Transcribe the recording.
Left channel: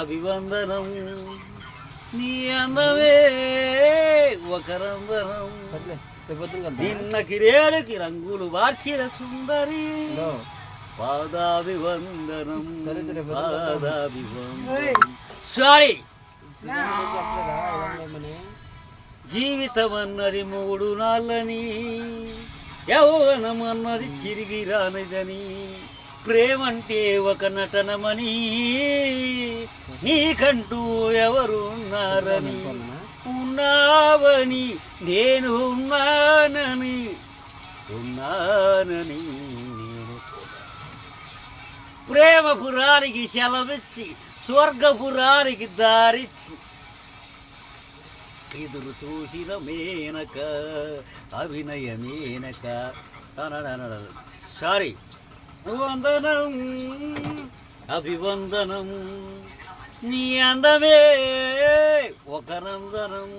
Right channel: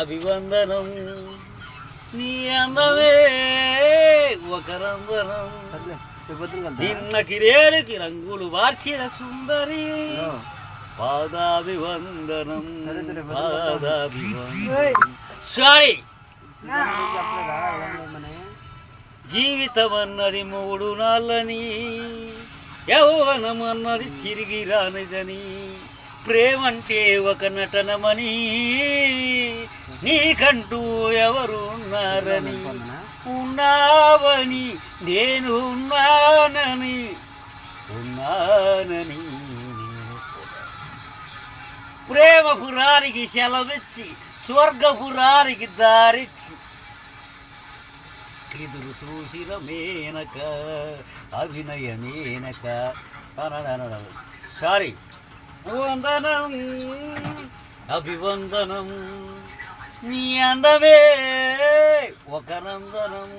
అభివందనం నీ అందమే ఒక రందనం నిన్న కిరేడుకి రంగులు మార్చిన సుందరి పాదాభివందనం పాదాభివందనం సారీ జీవితం అన్నది 3 నాళ్ళని యౌవనం అన్నది తిరిగి రానిదని ప్రేమంటే ఒక నటనమని నీకంటూ ఎవరున్నారని ఉన్నావని నేను ఉన్నానని ప్రేమపురానికి సెలవిచ్చి స్వర్గపురానికి దారిచ్చి ఎదురు చూసిన మేనక అభినయ మేనక సారీ వందనం అభివందనం నీ అందమే ఒక నందనం.